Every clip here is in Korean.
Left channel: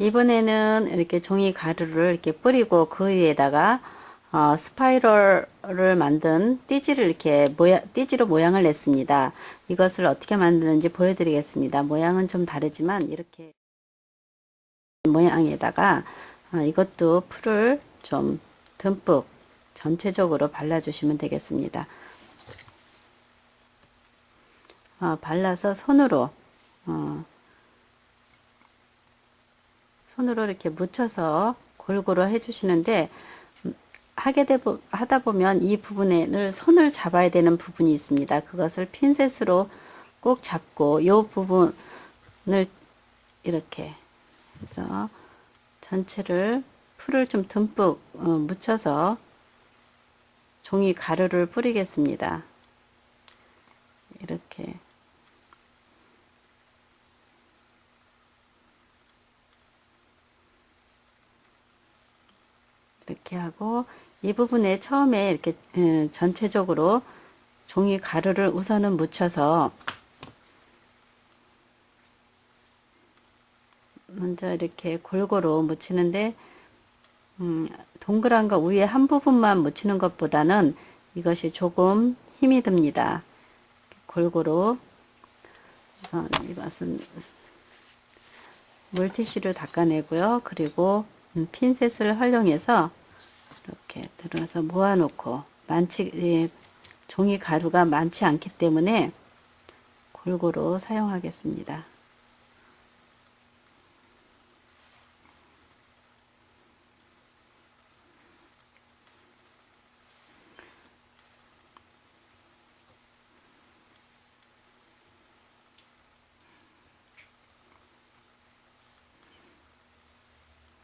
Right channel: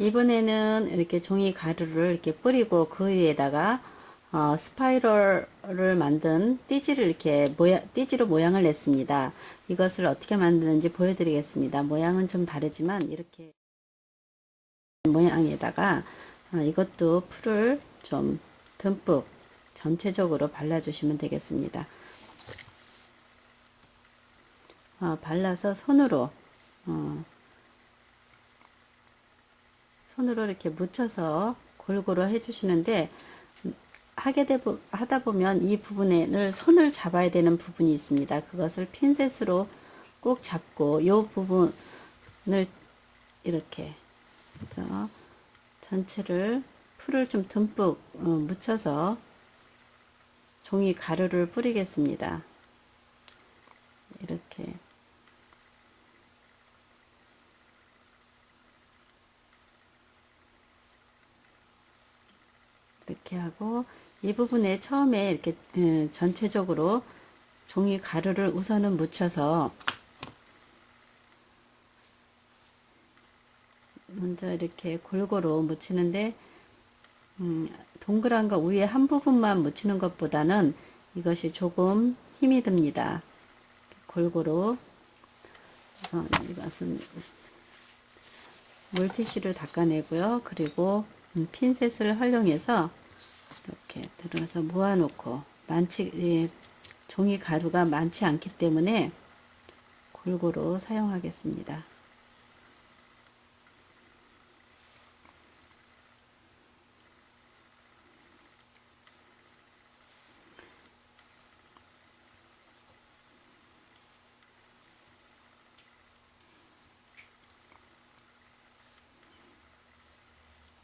이번에는 이렇게 종이 가루를 이렇게 뿌리고 그 위에다가 스파이럴을 만든 띠지를 이렇게 띠지로 모양을 냈습니다. 이것을 어떻게 만드는지 보여드리겠습니다. 모양은 좀 다르지만 이렇게 모양에다가 이것도 풀을 좀 듬뿍 전체적으로 발라주시면 되겠습니다. 발라서 손으로 이렇게 묻혀서 골고루 해주시는데 하다 보면 이 부분을 손을 잡아야 되는 부분이 있습니다. 그것을 핀셋으로 꼭 잡고 이 부분을 이렇게 해서 전체를 풀을 좀 듬뿍 묻혀서 종이 가루를 뿌리겠습니다. 이렇게 하고 이 부분에 처음에 이렇게 전체적으로 종이 가루를 우선은 묻혀서 먼저 이렇게 골고루 묻히는데 동그란 거 위에 한 부분만 묻히는 것보다는 이것이 조금 힘이 듭니다. 골고루. 우선 이것은 물티슈로 닦아내고요. 그리고 핀셋을 활용해서 이렇게 들어서 모아놓고 종이 가루가 많지 않기 때문에 골고루 사용하겠습니다.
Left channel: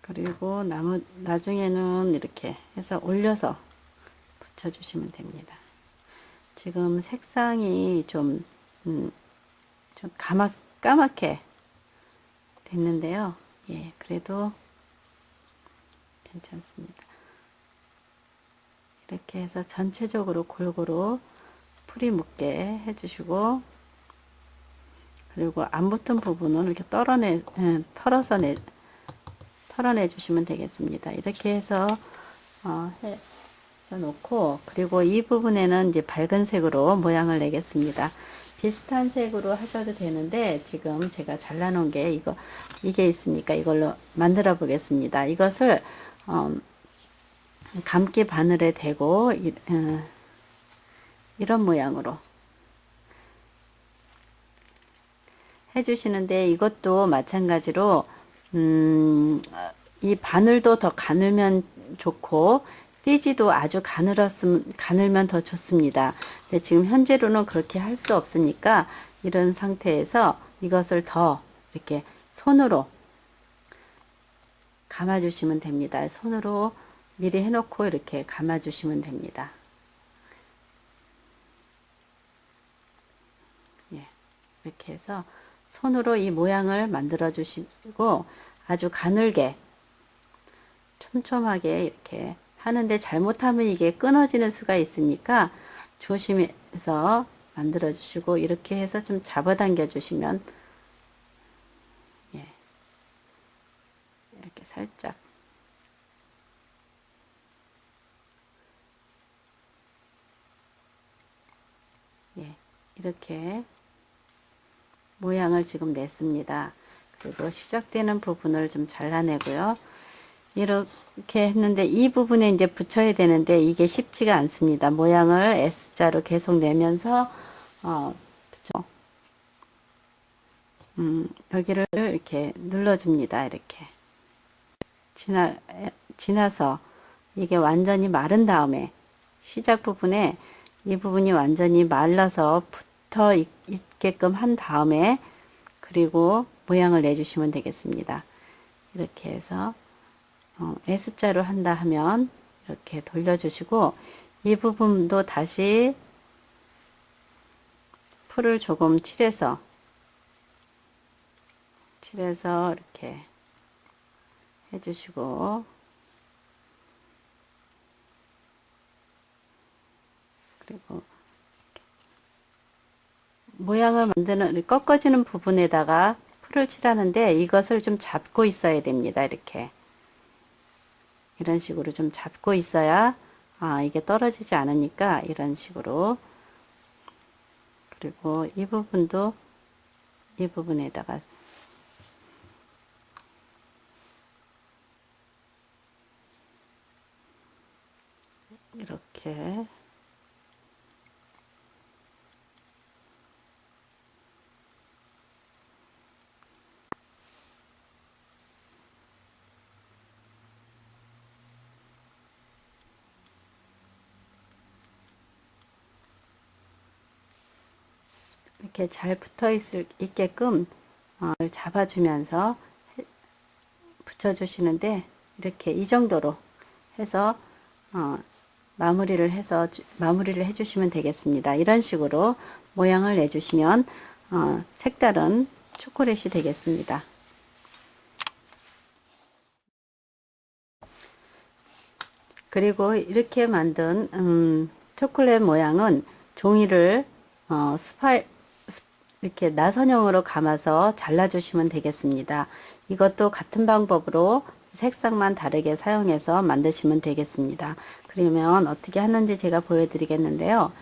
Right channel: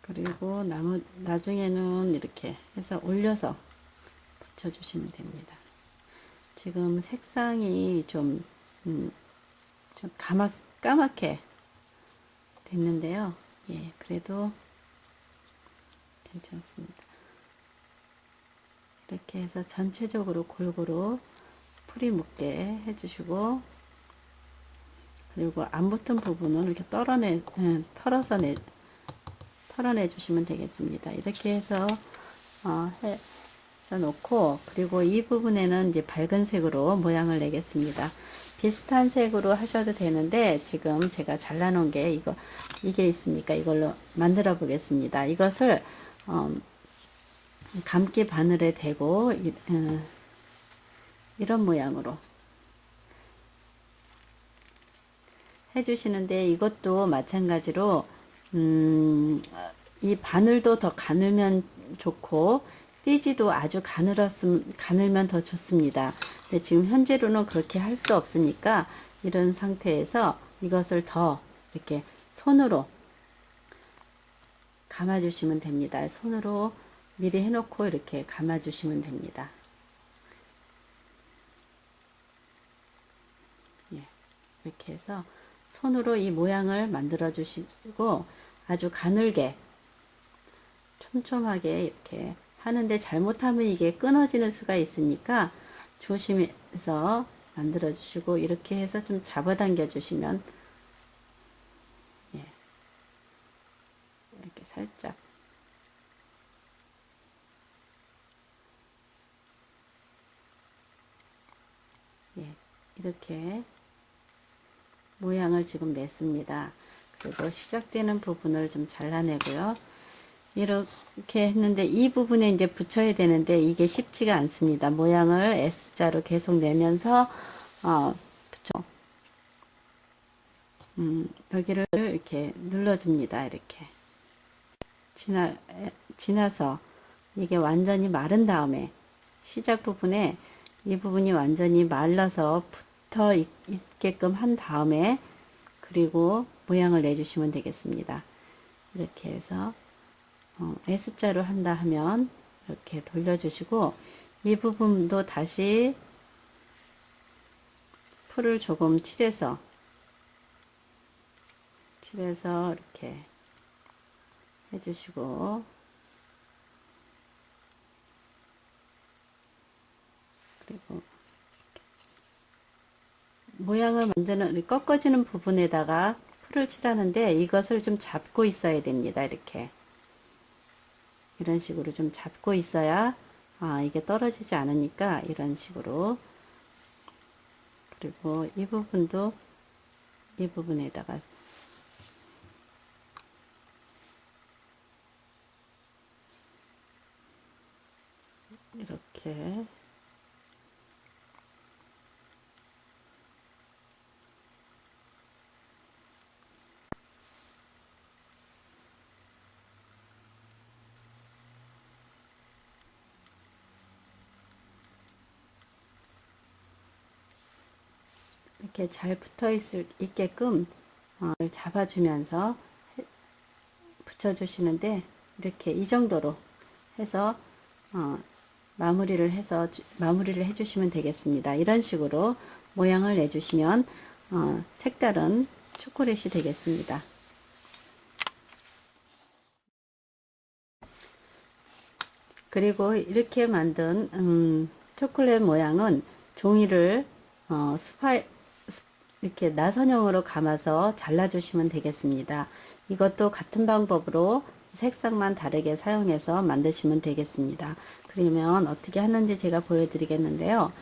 그리고 나중에는 이렇게 해서 올려서 붙여주시면 됩니다. 지금 색상이 좀 까맣게 됐는데요. 예, 그래도 괜찮습니다. 이렇게 해서 전체적으로 골고루 풀이 묻게 해주시고, 그리고 안 붙은 부분은 이렇게 털어내 주시면 되겠습니다. 이렇게 해서 해서 놓고, 그리고 이 부분에는 이제 밝은 색으로 모양을 내겠습니다. 비슷한 색으로 하셔도 되는데 지금 제가 잘라놓은 게 이게 있으니까 이걸로 만들어 보겠습니다. 이것을 감기 바늘에 대고 이런 모양으로 해주시는데, 이것도 마찬가지로 이 바늘도 더 가늘면 좋고 띠지도 아주 가늘면 더 좋습니다. 근데 지금 현재로는 그렇게 할 수 없으니까 이런 상태에서 이것을 더 이렇게 손으로 감아 주시면 됩니다. 손으로 미리 해놓고 이렇게 감아 주시면 됩니다. 예, 이렇게 해서 손으로 이 모양을 만들어 주시고 아주 가늘게 촘촘하게 이렇게 하는데, 잘못하면 이게 끊어지는 수가 있으니까 조심해서 만들어 주시고, 이렇게 해서 좀 잡아당겨 주시면, 예, 이렇게 살짝 예, 이렇게 모양을 지금 냈습니다. 그리고 시작되는 부분을 좀 잘라내고요. 이렇게 했는데 이 부분에 이제 붙여야 되는데 이게 쉽지가 않습니다. 모양을 S자로 계속 내면서 붙여 여기를 이렇게 눌러줍니다. 이렇게 지나서 이게 완전히 마른 다음에 시작 부분에 이 부분이 완전히 말라서 붙어 있게끔 한 다음에 그리고 모양을 내주시면 되겠습니다. 이렇게 해서 S자로 한다 하면 이렇게 돌려주시고, 이 부분도 다시 풀을 조금 칠해서 이렇게 해주시고, 그리고 모양을 만드는 꺾어지는 부분에다가 풀을 칠하는데 이것을 좀 잡고 있어야 됩니다. 이렇게 이런 식으로 좀 잡고 있어야 이게 떨어지지 않으니까 이런 식으로. 그리고 이 부분도 이 부분에다가 이렇게 이렇게 잘 붙어 있게끔 잡아주면서 붙여주시는데, 이렇게 이 정도로 해서 마무리를 해주시면 되겠습니다. 이런 식으로 모양을 내주시면 색다른 초콜릿이 되겠습니다. 그리고 이렇게 만든 초콜릿 모양은 종이를 이렇게 나선형으로 감아서 잘라주시면 되겠습니다. 이것도 같은 방법으로 색상만 다르게 사용해서 만드시면 되겠습니다. 그러면 어떻게 하는지 제가 보여드리겠는데요.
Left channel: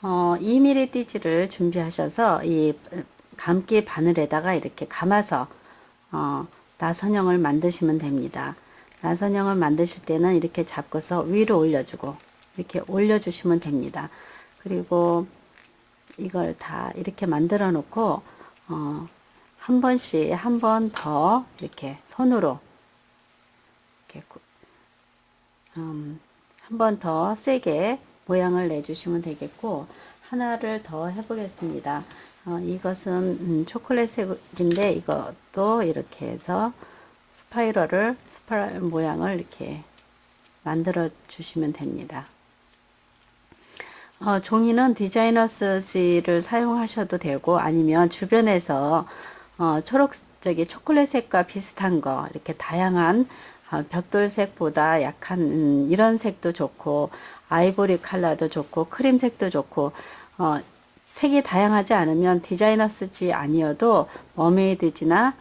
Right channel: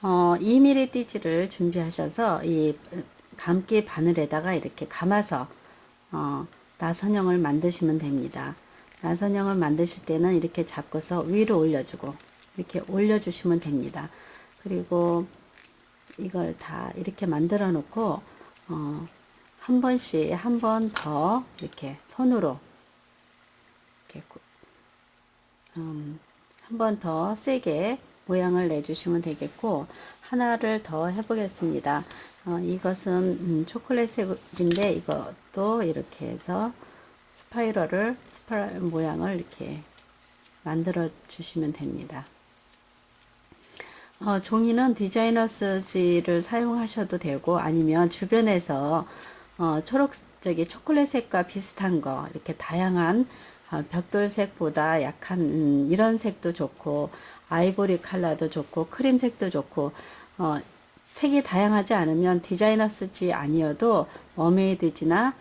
2mm 띠지를 준비하셔서 이 감기 바늘에다가 이렇게 감아서 나선형을 만드시면 됩니다. 나선형을 만드실 때는 이렇게 잡고서 위로 올려주고 이렇게 올려주시면 됩니다. 그리고 이걸 다 이렇게 만들어 놓고 한 번씩 한 번 더 이렇게 손으로 이렇게 한 번 더 세게 모양을 내주시면 되겠고, 하나를 더 해보겠습니다. 이것은 초콜릿색인데 이것도 이렇게 해서 스파이럴 모양을 이렇게 만들어 주시면 됩니다. 종이는 디자이너스지를 사용하셔도 되고, 아니면 주변에서 초콜릿색과 비슷한 거 이렇게 다양한 벽돌색보다 약한 이런 색도 좋고, 아이보리 컬러도 좋고, 크림색도 좋고, 색이 다양하지 않으면 디자이너스지 아니어도 머메이드지는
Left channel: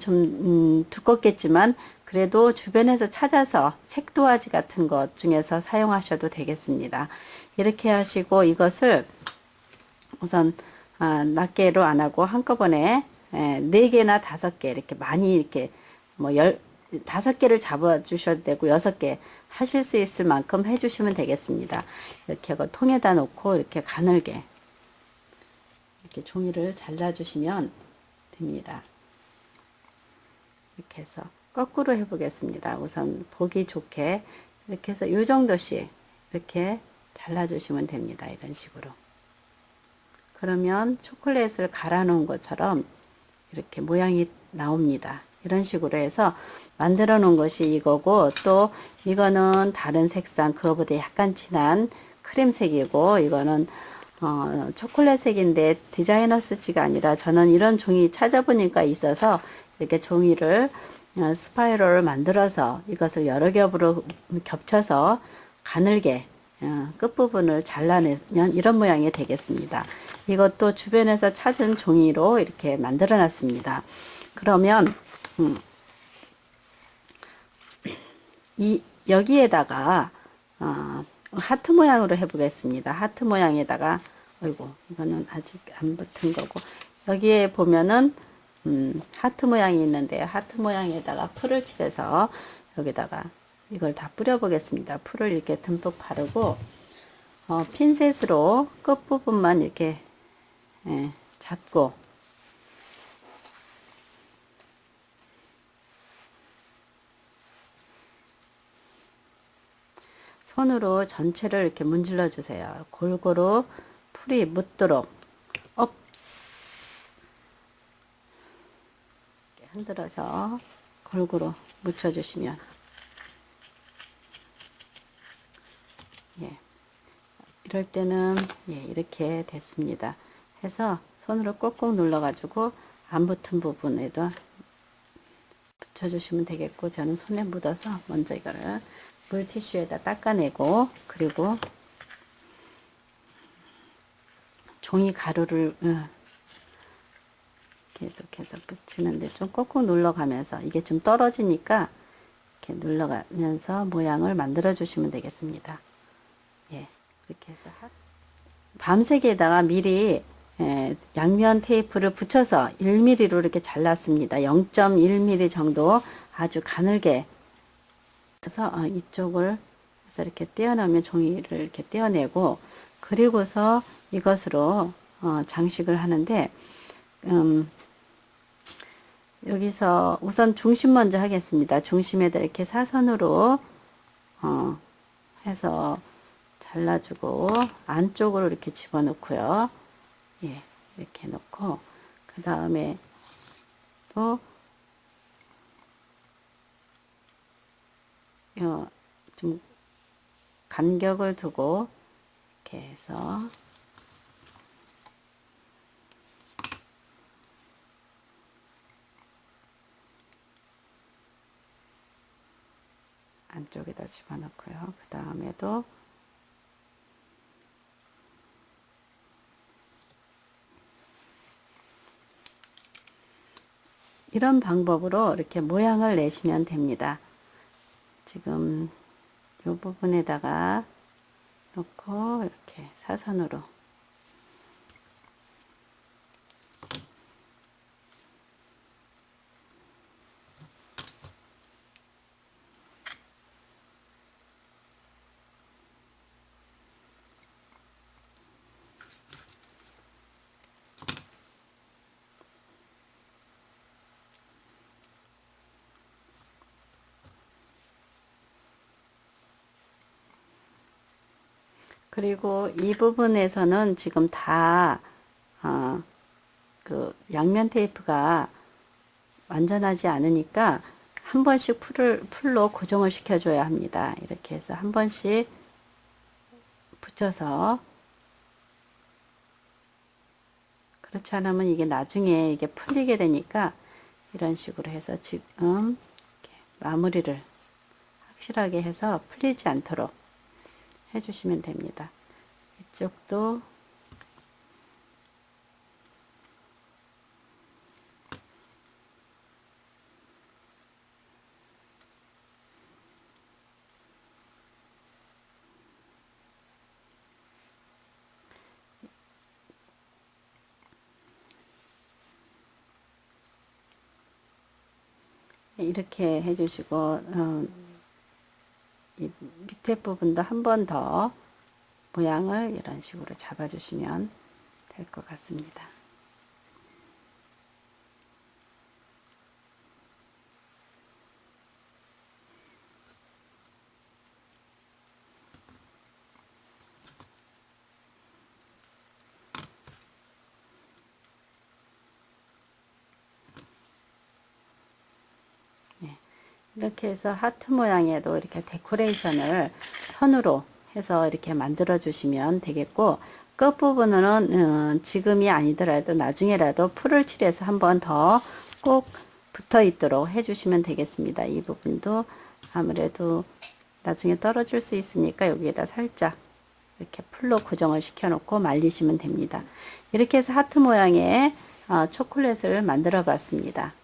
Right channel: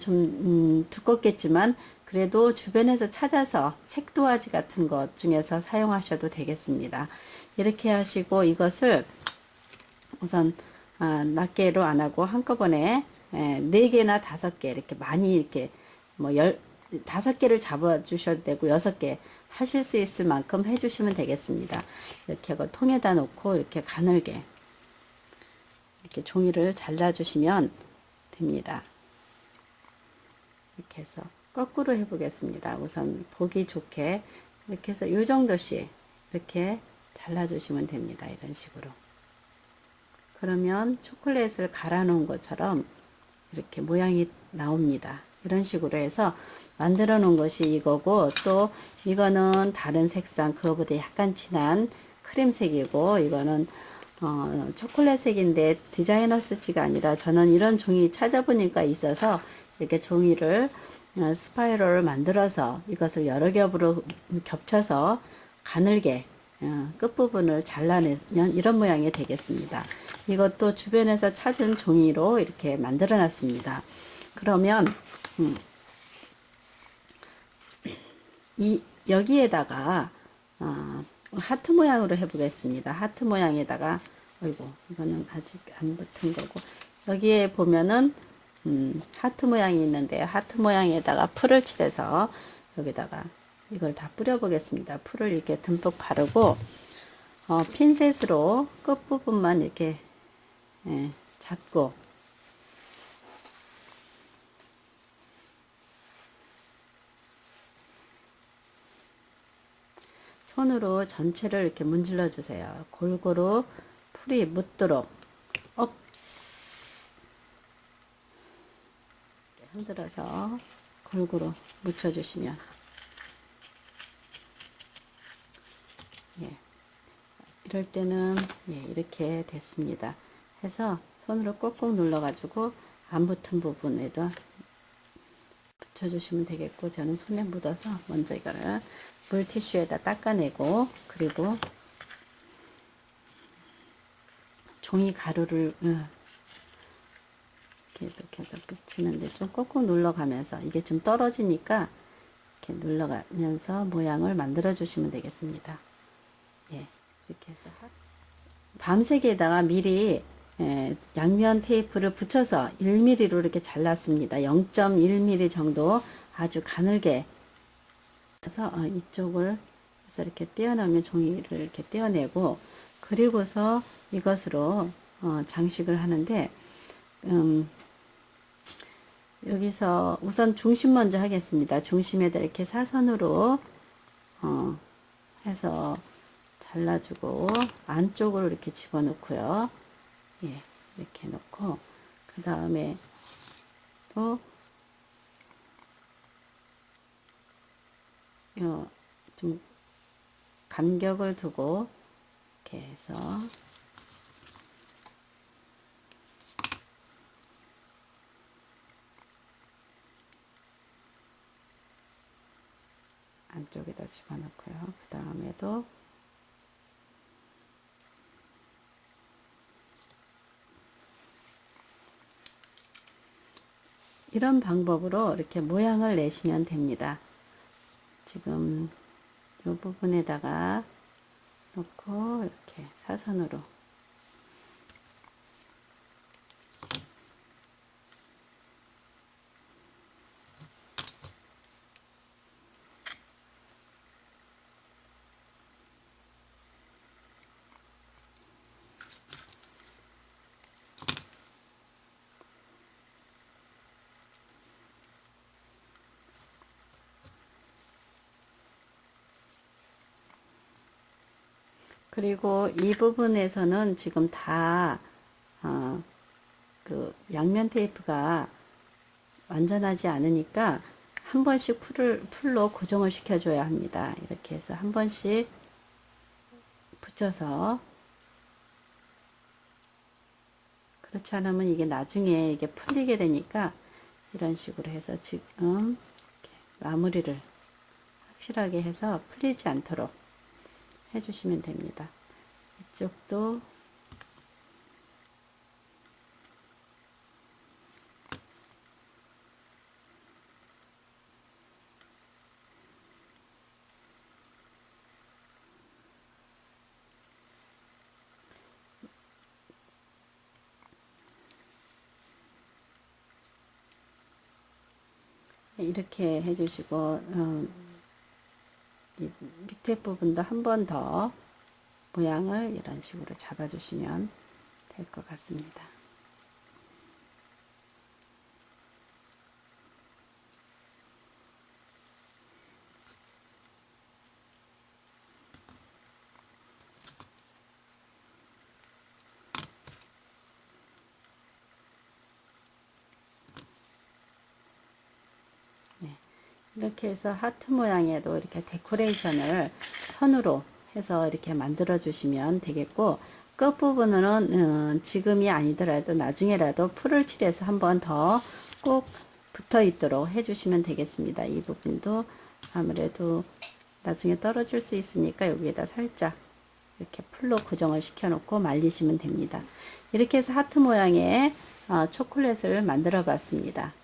좀 두껍겠지만 그래도 주변에서 찾아서 색도화지 같은 것 중에서 사용하셔도 되겠습니다. 이렇게 하시고 이것을 우선 낱개로 안 하고 한꺼번에 4개나 5개 이렇게 많이 이렇게 뭐 5개를 잡아 주셔도 되고 6개 하실 수 있을 만큼 해 주시면 되겠습니다. 이렇게 통에다 놓고 이렇게 가늘게 이렇게 종이를 잘라 주시면 됩니다. 이렇게 해서 거꾸로 해 보겠습니다. 우선 보기 좋게 이렇게 해서 이 정도씩 이렇게 잘라 주시면 됩니다. 이런 식으로. 그러면 초콜릿을 갈아 놓은 것처럼 이렇게 모양이 나옵니다. 이런 식으로 해서 만들어 놓은 것이 이거고, 또 이거는 다른 색상, 그거보다 약간 진한 크림색이고, 이거는 초콜릿색인데 디자이너스지가 아니라 저는 이런 종이 찾아보니까 있어서 이렇게 종이를 스파이럴을 만들어서 이것을 여러 겹으로 겹쳐서 가늘게 끝부분을 잘라내면 이런 모양이 되겠습니다. 이것도 주변에서 찾은 종이로 이렇게 만들어 놨습니다. 그러면 여기에다가 하트 모양으로 해 보겠습니다. 하트 모양에다가, 어이구, 이거는 아직 안 붙은 거고, 여기에 보면은 하트 모양이 있는데, 하트 모양에다가 풀을 칠해서 여기다가 이걸 다 뿌려 보겠습니다. 풀을 이렇게 듬뿍 바르고 핀셋으로 끝부분만 이렇게 잡고, 손으로 전체를 이렇게 문질러 주세요. 골고루 풀이 묻도록 이렇게 흔들어서 골고루 묻혀 주시면, 이럴 때는 이렇게 됐습니다. 해서 손으로 꼭꼭 눌러 가지고 안 붙은 부분에도 붙여주시면 되겠고, 저는 손에 묻어서 먼저 이거를 물티슈에다 닦아내고, 그리고 종이 가루를 이렇게 계속해서 붙이는데 좀 꾹꾹 눌러가면서 이게 좀 떨어지니까 이렇게 눌러가면서 모양을 만들어 주시면 되겠습니다. 예, 이렇게 해서 밤새기에다가 미리 양면 테이프를 붙여서 1mm로 이렇게 잘랐습니다. 0.1mm 정도 아주 가늘게 해서 이쪽을 해서 이렇게 떼어내면 종이를 이렇게 떼어내고 그리고서 이것으로 장식을 하는데 여기서 우선 중심 먼저 하겠습니다. 중심에다 이렇게 사선으로 해서 잘라주고 안쪽으로 이렇게 집어넣고요. 예, 이렇게 넣고 그 다음에 또 좀 간격을 두고 이렇게 해서 안쪽에다 집어넣고요. 그 다음에도 이런 방법으로 이렇게 모양을 내시면 됩니다. 지금 이 부분에다가 놓고 이렇게 사선으로 그리고 이 부분에서는 지금 다 그 양면 테이프가 완전하지 않으니까 한 번씩 풀로 고정을 시켜줘야 합니다. 이렇게 해서 한 번씩 붙여서 그렇지 않으면 이게 나중에 이게 풀리게 되니까 이런 식으로 해서 지금 이렇게 마무리를 확실하게 해서 풀리지 않도록 해주시면 됩니다. 이쪽도 이렇게 해주시고 이 밑에 부분도 한 번 더 모양을 이런 식으로 잡아주시면 될 것 같습니다. 이렇게 해서 하트 모양에도 이렇게 데코레이션을 선으로 해서 이렇게 만들어 주시면 되겠고 끝부분은 지금이 아니더라도 나중에라도 풀을 칠해서 한 번 더 꼭 붙어 있도록 해 주시면 되겠습니다. 이 부분도 아무래도 나중에 떨어질 수 있으니까 여기에다 살짝 이렇게 풀로 고정을 시켜 놓고 말리시면 됩니다. 이렇게 해서 하트 모양의 초콜릿을 만들어 봤습니다.